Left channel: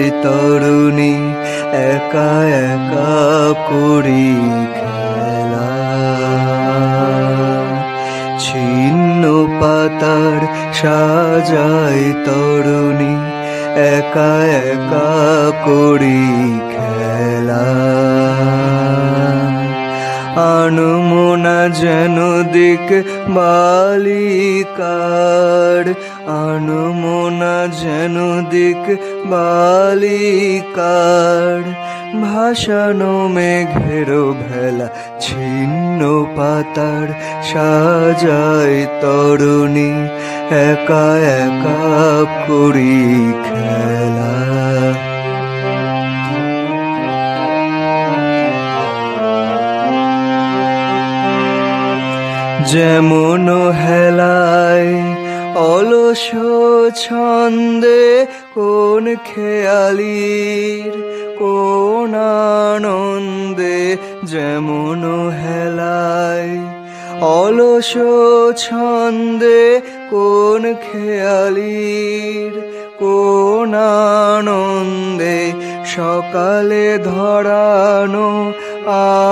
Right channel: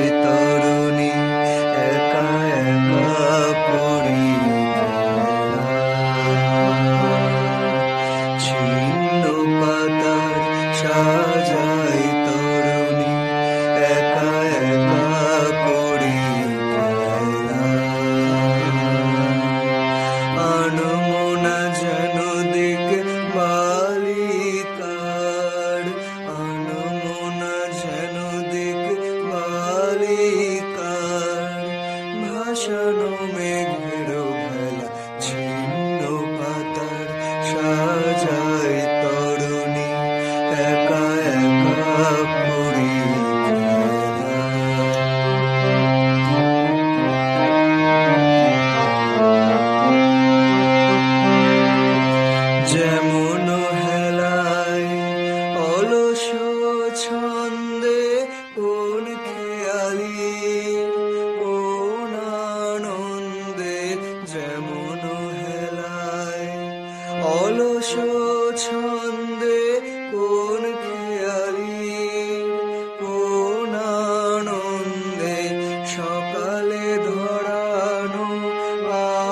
সাজায় তরুণী একা একা করি খেলা। ছিন্ন পাতার সাজায় তরুণী একা একা করি খেলা। আনমনা যেন দিক বালিকার, আনমনা যেন দিক বালিকার। ভাসানো মেঘের ভেলা ছিন্ন পাতার সাজায় তরুণী একা একা করি খেলা। যেমন হেলায় অলস ছন্দে কোন খেয়ালির কোন আনন্দে, যেমন হেলায় অলস ছন্দে কোন খেয়ালির কোন আনন্দে। সকালে ধরানো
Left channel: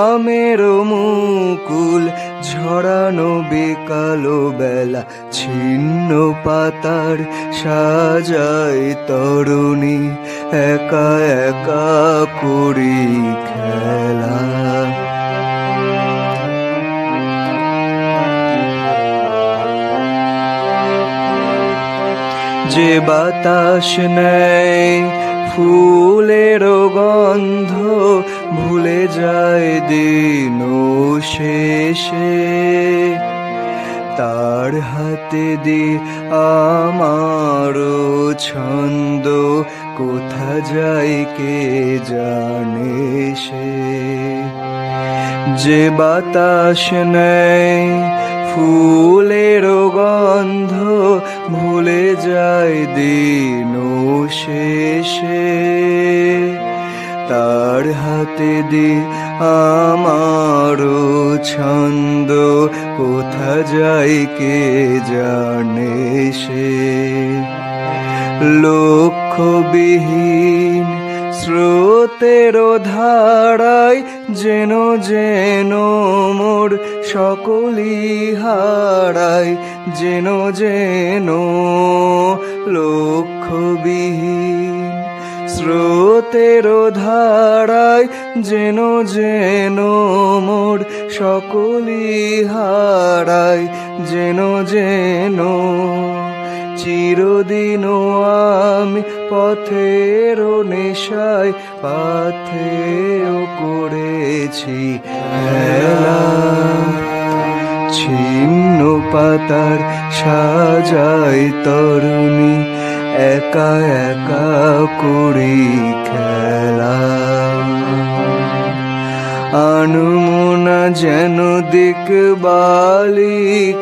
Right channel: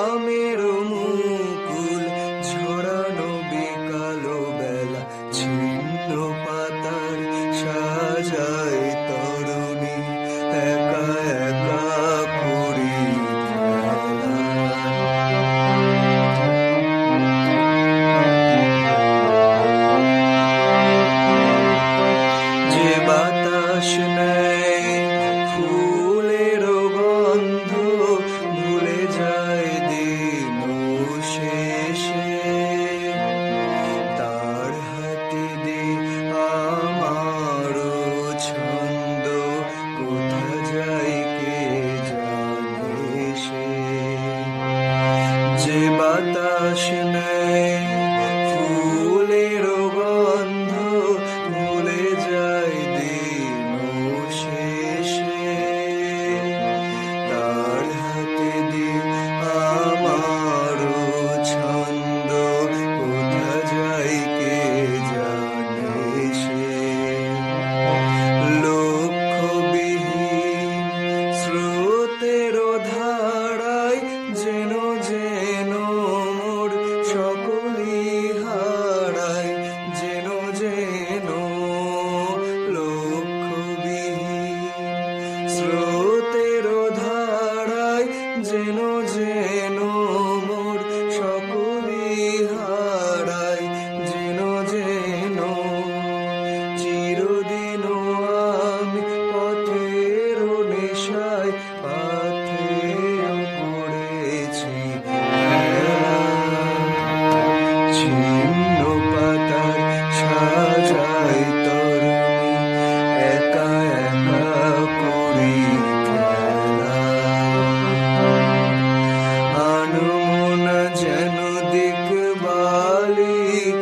আমের মুকুল ঝরানো বিকালো বেলা ছিন্ন পাতার সাজায় তরুণী একা একা করি খেলা। যে বাতাস নেয় ফুলের গন্ধ ভুলে যায় দিন শেষে, তার হাতে দে আমার ছন্দ কোথা যায় কে জানে সে। যে বাতাস নেয় ফুলের গন্ধ ভুলে যায় দিন শেষে, তার হাতে দে আমার ছন্দ কোথা যায় কে জানে সে। লক্ষ্যবিহীন স্রোতের ধারায় যেন যেন মোর সকলি হারায়, যেন যেন লক্ষ্যবিহীন স্রোতের ধারায় যেন যেন মোর সকলি হারায়, যেন যেন চিরদিন আমি পথের নেশায় পাথেয় করেছি খেলা। ছিন্ন পাতার সাজায় তরুণী একা একা করি খেলা। আনমনা যেন দিক বালিকার,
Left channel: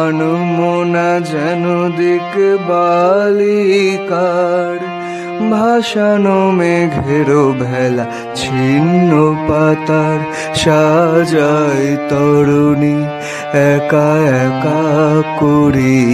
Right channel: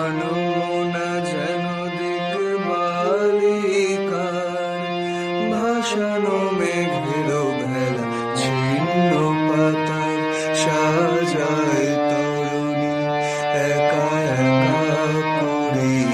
আনমনা যেন দিক বালিকার। ভাসানো মেঘের ভেলা ছিন্ন পাতার সাজায় তরুণী একা একা করি